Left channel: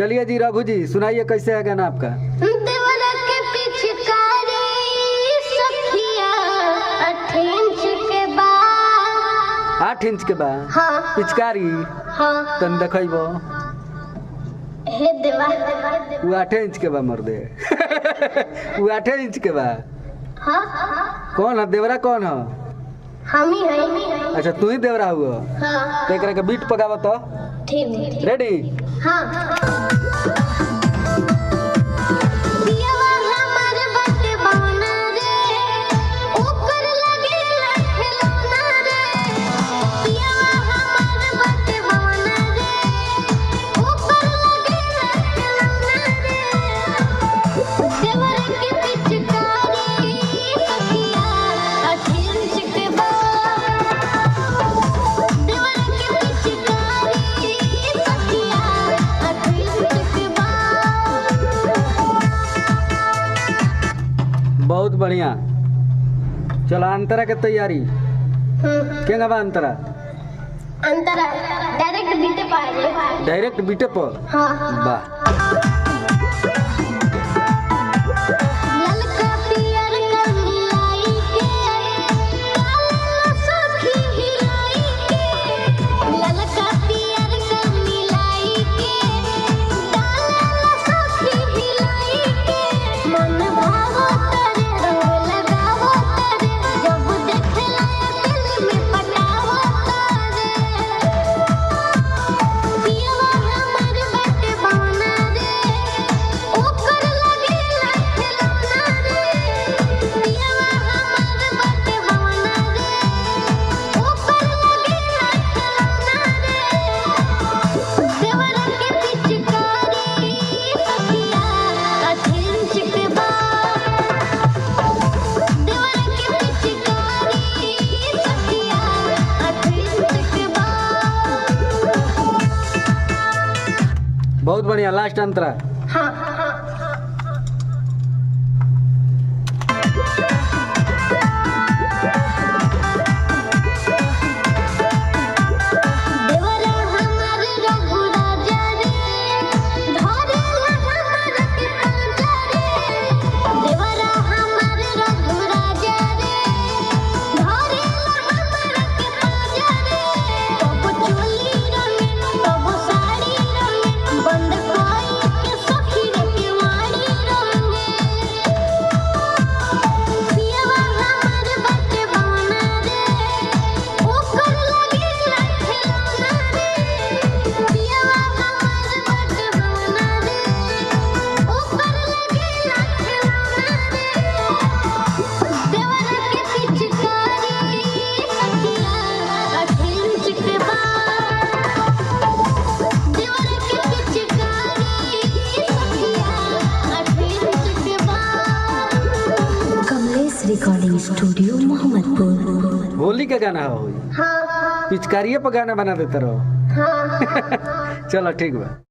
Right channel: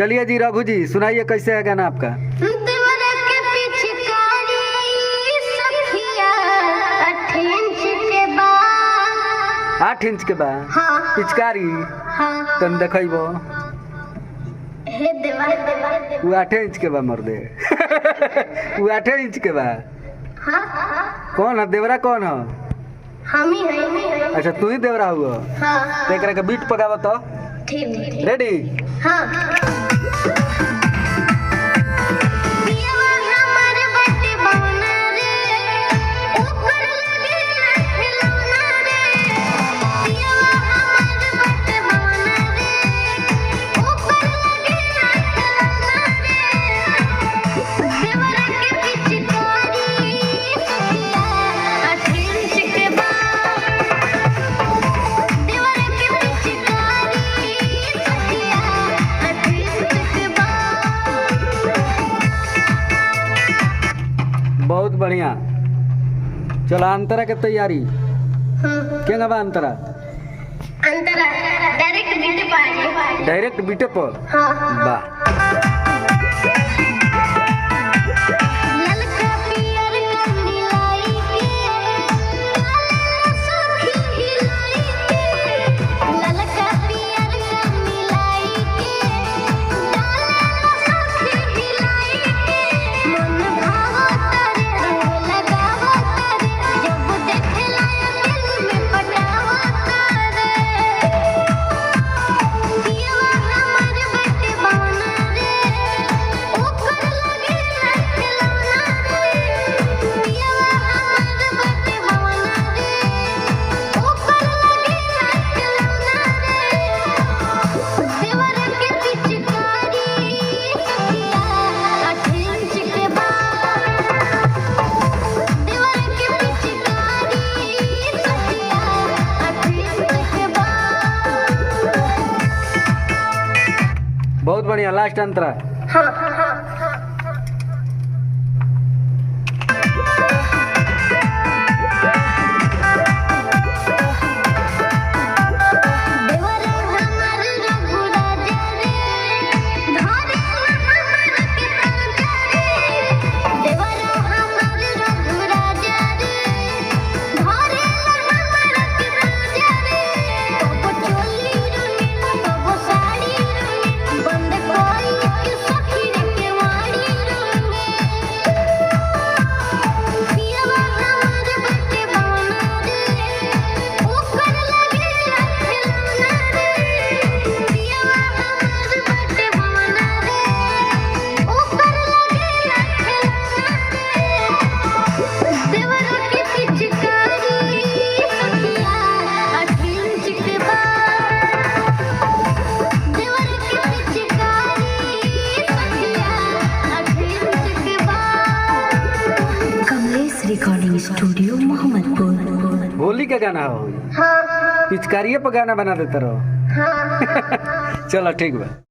चलिए जी रघु जी सुनाइए कैसे है गाना आपका। 8 इंच के बा हाँ। पिचकारी हाँ। तन देखो हे देवा वो 8 इंच के बा मर दे वो 8 इंच के बा। हाँ। कौन है देवरा कौन है? हम ही हैं। अच्छा तू ही देवरा हुआ। हाँ। तो एकरा के बीट पकावा तो ठीक। रेडी। हाँ। बहुत बढ़िया। चलो अंतरा के तैयारी क्या बा अंतरा? अंतरा डायरेक्ट बीटे पर। डायरेक्ट बीटे पर। हाँ। वाह बहुत बढ़िया। लास्ट अंतरा। हाँ। Recording studio Mohammadpur. होली का गाना हो। हाँ। पिचकारिये पर गाना बना देते रहो। हाँ। चलो ठीक बा।